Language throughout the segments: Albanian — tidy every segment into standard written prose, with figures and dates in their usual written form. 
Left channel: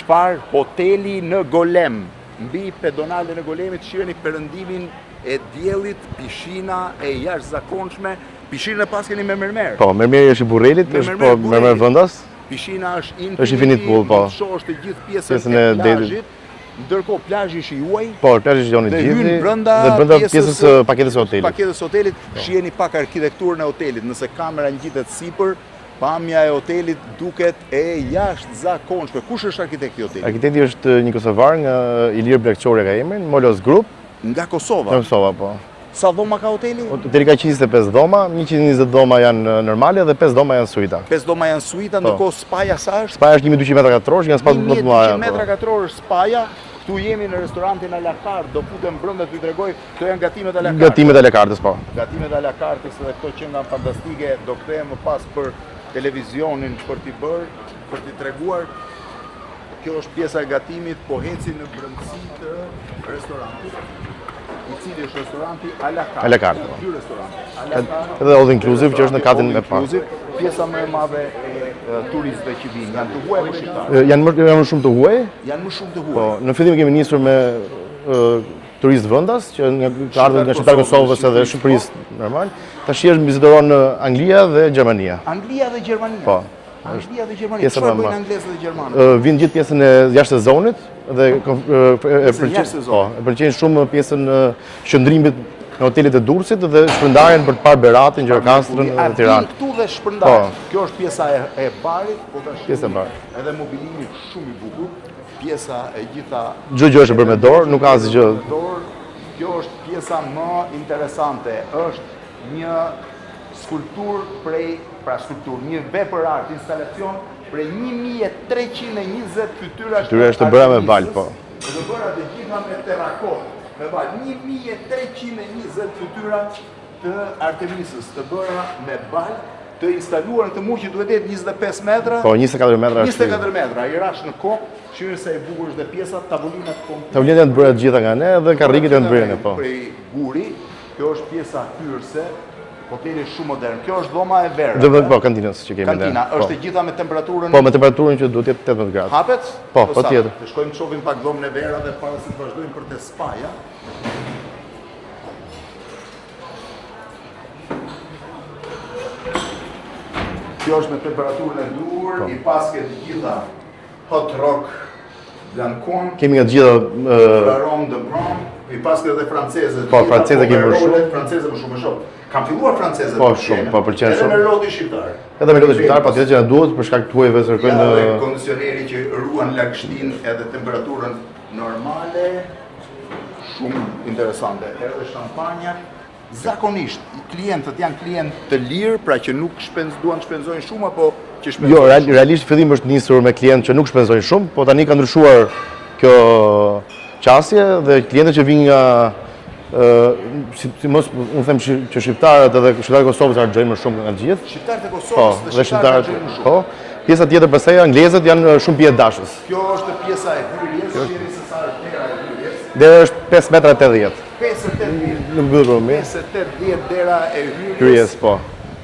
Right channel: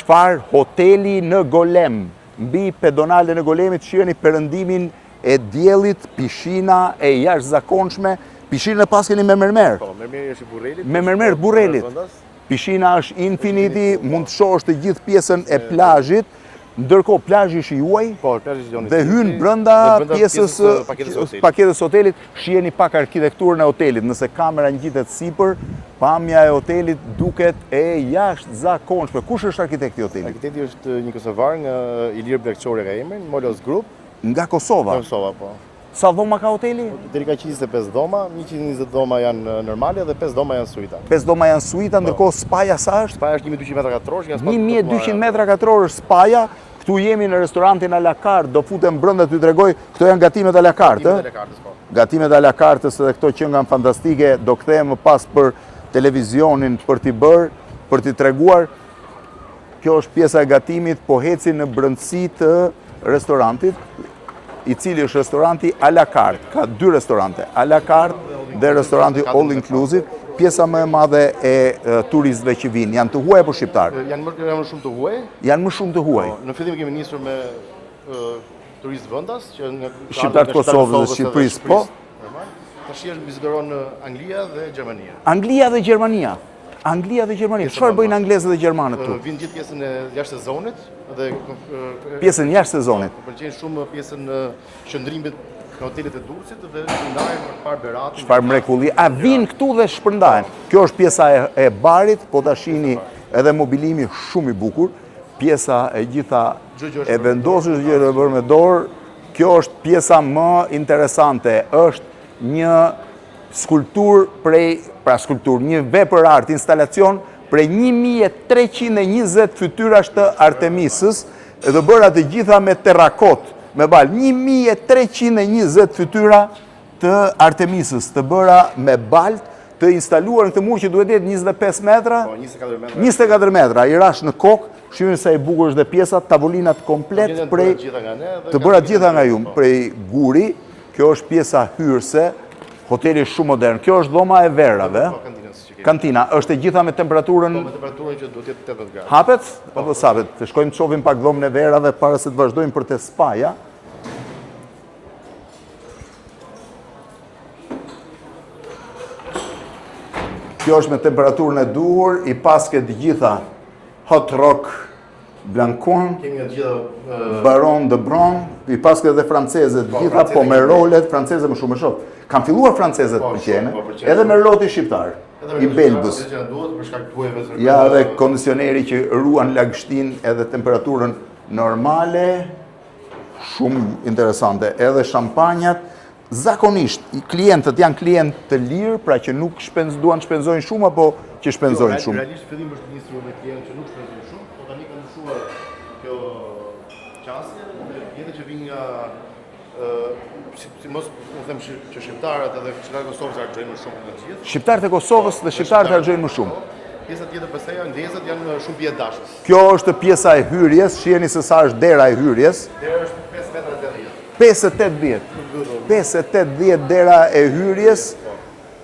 Çfarë? Hoteli në Golem. Mbi pedonale në Golemit shiheni perëndimin e diellit, pishina e jashtëzakonshme. Pishinën e pas keni me mermer. Po, mermeri është i burrelit, me mermer vendas. Pishina është infinity, mund të shohësh të gjithë pjesën e plazhit. Ndërkohë plazhi është i juaj. Po, plazhi është i Dhe hyn brenda pjesës paketës së hotelit. Shiheni pak arkitekturën e hotelit. Nëse kamera ngjitet sipër, pamja e hotelit duket e jashtëzakonshme. Kush është arkitekti i hotelit? Arkitekti është një kosovar nga Ilir Blegçori ka emrin, Molos Group. Nga Kosova. Nga Kosova, po. Sa dhoma ka hoteli? Hoteli ka 125 dhoma, 120 dhoma janë normale dhe 5 dhoma janë suita. 5 dhoma janë suita, ndërkohë spaja sa është? Spaja është 1200 metra katror, nga spa 1200 metra katror është spaja. Këtu jemi në restorantin à la carte, do futem brenda t'ju tregoj, këto janë gatimet à la carte. Gatimet à la carte, po. Gatimet à la carte dhe këto që nga fantastike, do kthehem më pas për televizionin për t'i bërë, për t'i treguar. Kjo është pjesa e gatimit, po heci në brendësi të restorantit, i cili është restoranti à la carte. Ka dy restorante, à la carte dhe all inclusive, që është në katën e parë. Pjesa më e madhe e turistëve që vinë, janë të huaj apo shqiptarë? Janë më shumë të huaj. Janë më shumë të huaj. Në fillim kemi nisur me turistë vendas, që nga Kosovës dhe Shqipërisë normal. Tash është vizitoron Anglia dhe Gjermania. Anglia dhe Gjermania. Anglia dhe Gjermania. Çfarë bëjnë anglezët dhe gjermanët? Vinë gjithë pjesën e jashtë sezonit dhe pjesën jashtë sezonit. Pëlqejnë shumë pjesën e qëndrimit në hotelit e Durrësit dhe shpërndarjen për të parë Beratin, Gjirokastrin. A vinë këtu dhe shpërndajnë? Kjo është pjesa e barit, po ta shihni edhe mobilimi shumë i bukur. Pjesa e gjitha çdo gjë është bërë me dorë, nuk ka asgjë me dorë. Kjo është pjesa më interesante. Është një skulptur një vepër art, instalacion prej 1320 fytyrash të Artemisës, edhe bëra të gjitha me terrakot, me bal. 1320 fytyra të Artemisës, të bëra me bal, të instaluar në këtë mur që duhet jetë 25 metra. Po, 24 metra. 24 metra, i rash në kokë, shihni sa i bukur është dhe pjesa, tavulinat komplet. Tavulinat janë bërë gjitha nga ne dhe karrikët janë bërë prej guri. Kjo është pjesa hyrëse. Hoteli është shumë modern. Kjo është dhoma e verave. Po, kantinës që kemi. Kantina është e gjitha me temperaturën. Po, me temperaturën që duhet jetë 18 gradë. Hapet? Po, patjetër. Të shkojmë të shohim pak dhomën e verave para se të vazhdojmë për te spaja. Kjo është me temperaturën e duhur, i pas ke të gjitha Hot Rock Blancon. Kemi nga të gjitha Baron de Bron, i pas ke dhe francezët, po me rolet, francezët më shumë e shoh. Kam filluar francezët për qenë, edhe me roti shqiptar. Edhe me roti shqiptar, po që na duhet për shkak të huajve se ja, dhe kondicioneri që ruan lagështin edhe temperaturën normale, shumë interesante. Edhe shampanjat, zakonisht, klientët janë klientë të lirë, pra që nuk duan të shpenzojnë shumë, apo që shpenzojnë shumë? Jo, realisht fillim është nisur me klientë që nuk shpenzojnë shumë, po tani ka ndryshuar kjo qasje dhe klientët që vinë nga si mos unë them që shqiptarët edhe shqiptarët e Kosovës harxojnë më shumë nga gjithë. Shqiptarët e Kosovës dhe shqiptarët harxojnë më shumë. Pjesa tjetër pastaj anglezët janë shumë pjesëdashës. Kjo është pjesa e hyrjes, shiheni se sa është dera e hyrjes. Dera është 5 metra 80. 5.80. Nuk mbyllur mirë. 5.80 dera e hyrjes. Po.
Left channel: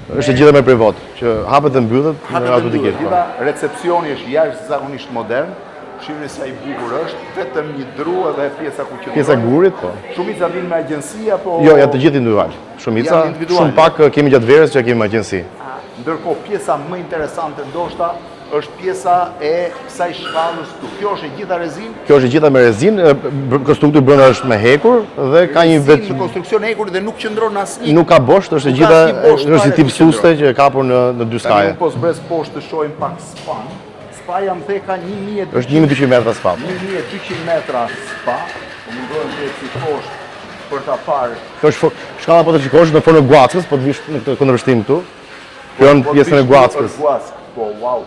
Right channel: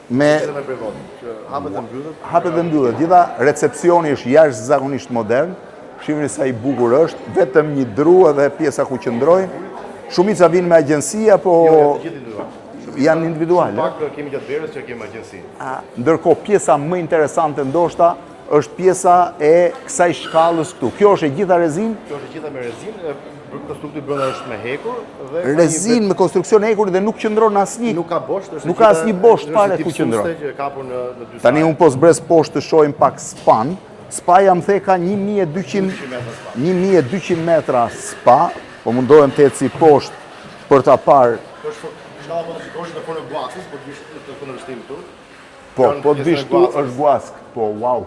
Është gjithë me privot, që hapet dhe mbyllet. Hapet dhe mbyllet. Gjitha recepcioni është jashtëzakonisht modern. Shihni sa i bukur është, vetëm një dru edhe pjesa ku qëndrojnë. Pjesa gurit, po. Shumica vinë me agjensi apo? Jo, janë të gjithë individual. Shumica, shumë pak kemi gjatë verës që kemi me agjensi. Ndërkohë pjesa më interesante ndoshta është pjesa e kësaj shkallës këtu. Kjo është e gjitha rezin? Kjo është e gjitha me rezin, konstrukti brenda është me hekur dhe ka një rezin në konstruksion hekur dhe nuk qëndron asnjë. Nuk ka bosht, është e gjitha, është si tip suste që e kapur në dy staje. Tani unë po zbres poshtë të shohim pak span. Spaja më the ka 1200 metra spa. 1200 metra spa, po mundohem të eci poshtë për ta parë. Kjo është shkalla po të shikosh në formë guackës, po të vish në këtë kundërshtim këtu. Kjo është pjesën e guackës. Po, wow.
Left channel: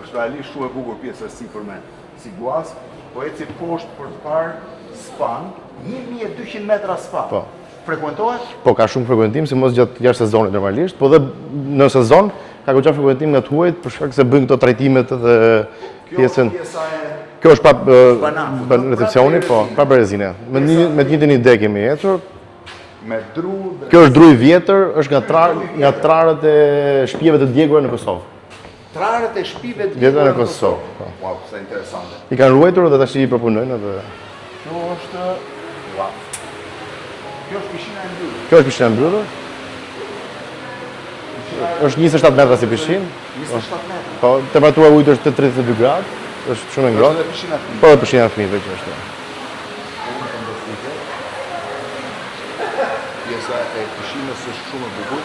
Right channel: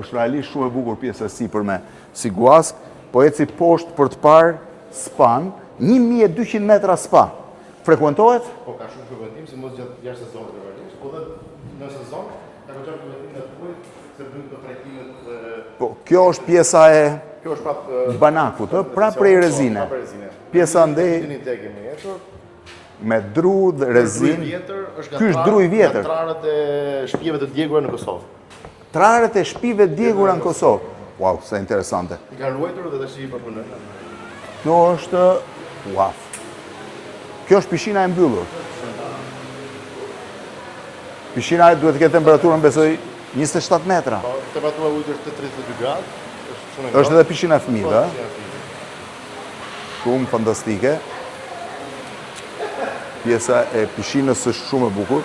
Është realisht shumë e bukur pjesa e sipërme si guask, po eci poshtë për të parë span, 1200 metra spa. Po. Frekuentohet? Po, ka shumë frekuentim, si mos gjatë jashtë sezonit normalisht, po dhe në sezon ka goxha frekuentim nga të huajt për shkak se bëjnë këto trajtimet dhe kjo është pjesa e kjo është banakut, recepcionit, po, pa rezine. Me të njëjtën ide kemi ecur. Me dru dhe kjo është dru i vjetër, është nga trarët e shtëpive të djegura në Kosovë. Trarët e shtëpive të djegura në Kosovë. Wow, sa interesante. I kanë ruajtur dhe tash i përpunojnë edhe. Kjo është, wow. Kjo është piscina e mbyllur. Kjo është piscina e mbyllur. Piscina është 27 metra si piscinë. 27 metra. Po, temperatura e ujit është 32 gradë. Është shumë e ngrohtë. Është edhe piscina e fëmijëve. Po, piscina e fëmijëve që është. Shumë fantastike. Pjesa e piscinës është shumë e bukur.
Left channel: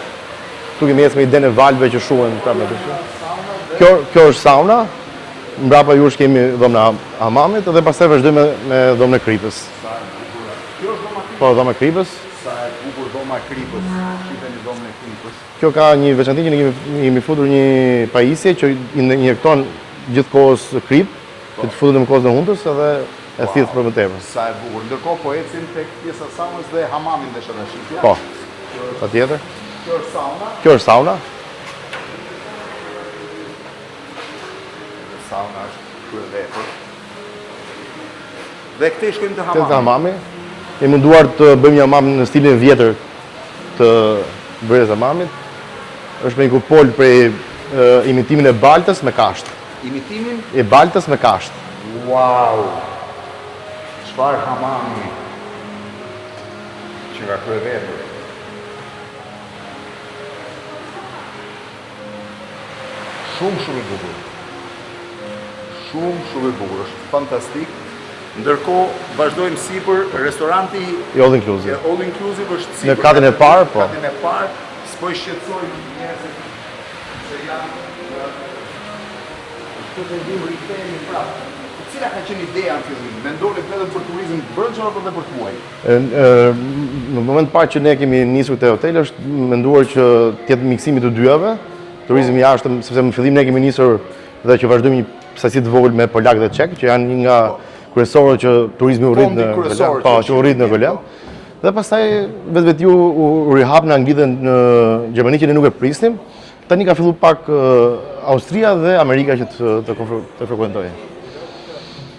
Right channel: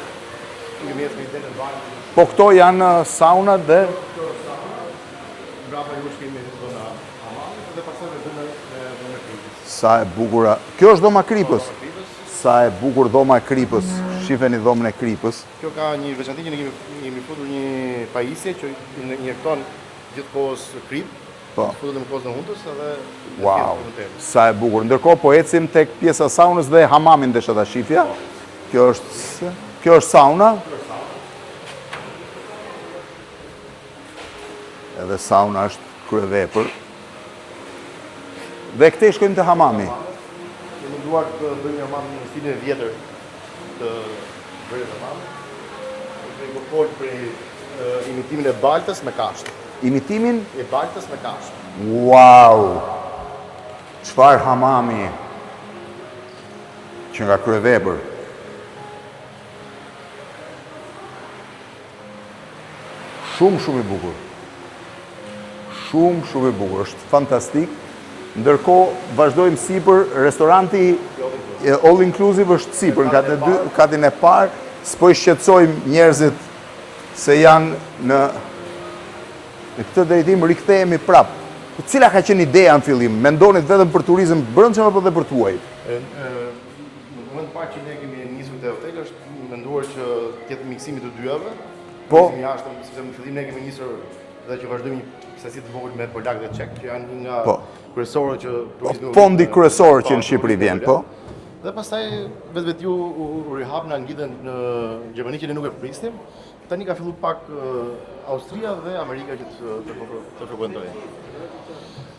Tu kemi ecë me idenë e valve që shumë. Po këto janë sauna dhe Kjo është sauna. Mbrapa jush kemi dhomën e hamamit dhe pastaj vazhdojmë me dhomën e kripës. sa e bukur. Kjo është dhoma e kripës. Po, dhoma e kripës. Sa e bukur dhoma e kripës. Shifeni dhomën e kripës. Kjo ka një veçanti që ne kemi futur një pajisje që injekton gjithkohës krip, që të futet në kohën e hundës edhe e thith për më tepër. Sa e bukur. Ndërkohë po ecim tek pjesa e saunës dhe hamamin desha ta shifja. Po. Kjo është Patjetër. Kjo është sauna. Kjo është sauna. Edhe sauna është kryevepër. Dhe këtej shkojmë të Kjo është hamami. hamami. E munduar të bëjmë një hamam në stilin vjetër të bërjes hamamit. Është me një kupol prej imitimin e baltës me kasht. Imitimin? E baltës me kasht. Wow! Çfarë hamami që nga kryevepër. Shumë i bukur. Shumë i bukur. Është fantastik. Ndërkohë vazhdojmë sipër restoranti All inclusive. All inclusive është sipër. Në katin e parë, po. Katin e parë. S'po i shqetësojmë njerëzit se janë në këtë drejtim rikthehemi prapë. Cila ka qenë ideja në fillim? Mendonit vetëm për turizëm brendshëm apo edhe për tuaj? Në moment parë që ne kemi nisur te hoteli është menduar që të jetë miksimi të dyave, turizmi jashtëm, sepse në fillim ne kemi nisur dhe që vazhdojmë një sasi të vogël me polak dhe çek, që janë një nga kryesorët që turizmi u rrit. Fondi kryesor që u rrit në Velen. Dhe pastaj vetë ju u rihap në Angli dhe në Gjermani që ne nuk e prisnim. Tani ka filluar pak Austria dhe Amerika që të frekuentojnë.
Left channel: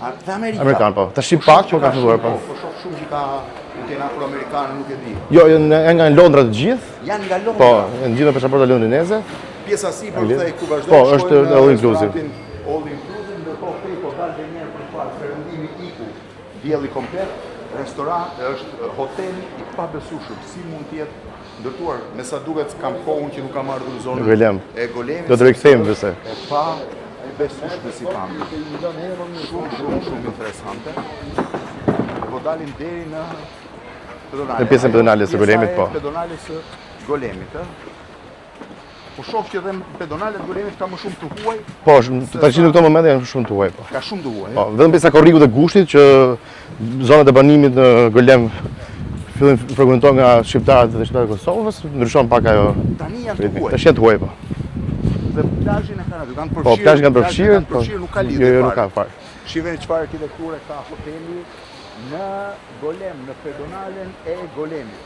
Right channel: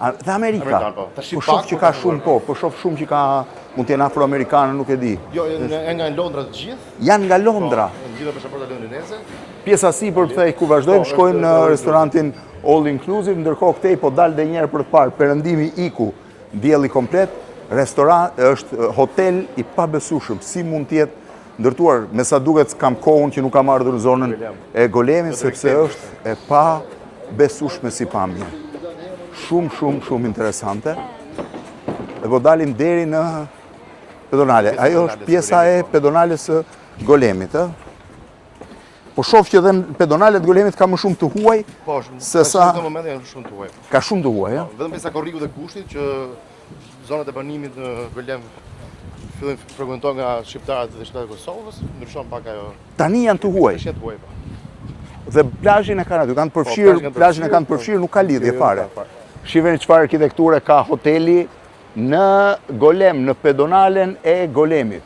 Dhe Amerika. Amerikan, po. Tash Po pak shoh që ka shumë, po shoh shumë që ka mund të jenë afroamerikanë, nuk e di. Jo, janë nga Londra të gjithë. Janë nga Po, Londra. janë gjithë pasaporta londineze. Pjesa sipër këtej ku vazhdojmë Po, është shkojmë në all restorantin All Inclusive, ndërkohë këtej po dal edhe një herë për të parë perëndimi iku, dielli komplet, restoran është hotel i pabesueshëm. Si mund të jetë ndërtuar, me sa duket kam kohën që nuk kam ardhur në zonën Golem. e Golemit, Do të rikthehemi pse. e pa besueshme si pamje. Shumë interesante. Dhe po dalim deri në pedonale. Në pjesën Ajo pedonale së pjesa Golemit, e po. pedonale së Golemit, ë? Po shoh që edhe pedonalet e Golemit ka më shumë të huaj, Po, Se tash sa- në këto momente janë shumë të huaj, po. ka shumë të huaj, Po, ë? vetëm pjesa korriku dhe gushtit që zonat e banimit në Golem fillojnë frekuentohen nga shqiptarët dhe shqiptarët e Kosovës, ndryshon pak ajo. Tani janë të huaj. Tash janë të huaj, po. Dhe plazhin e kanë aty, kanë Po, përfshirë, plazhin kanë plazhin përfshirë, kanë përfshirë, nuk ka lidhje Jo, nuk fare. ka fare. Shiheni çfarë arkitekture ka hoteli në Golem, në pedonalen e Golemit.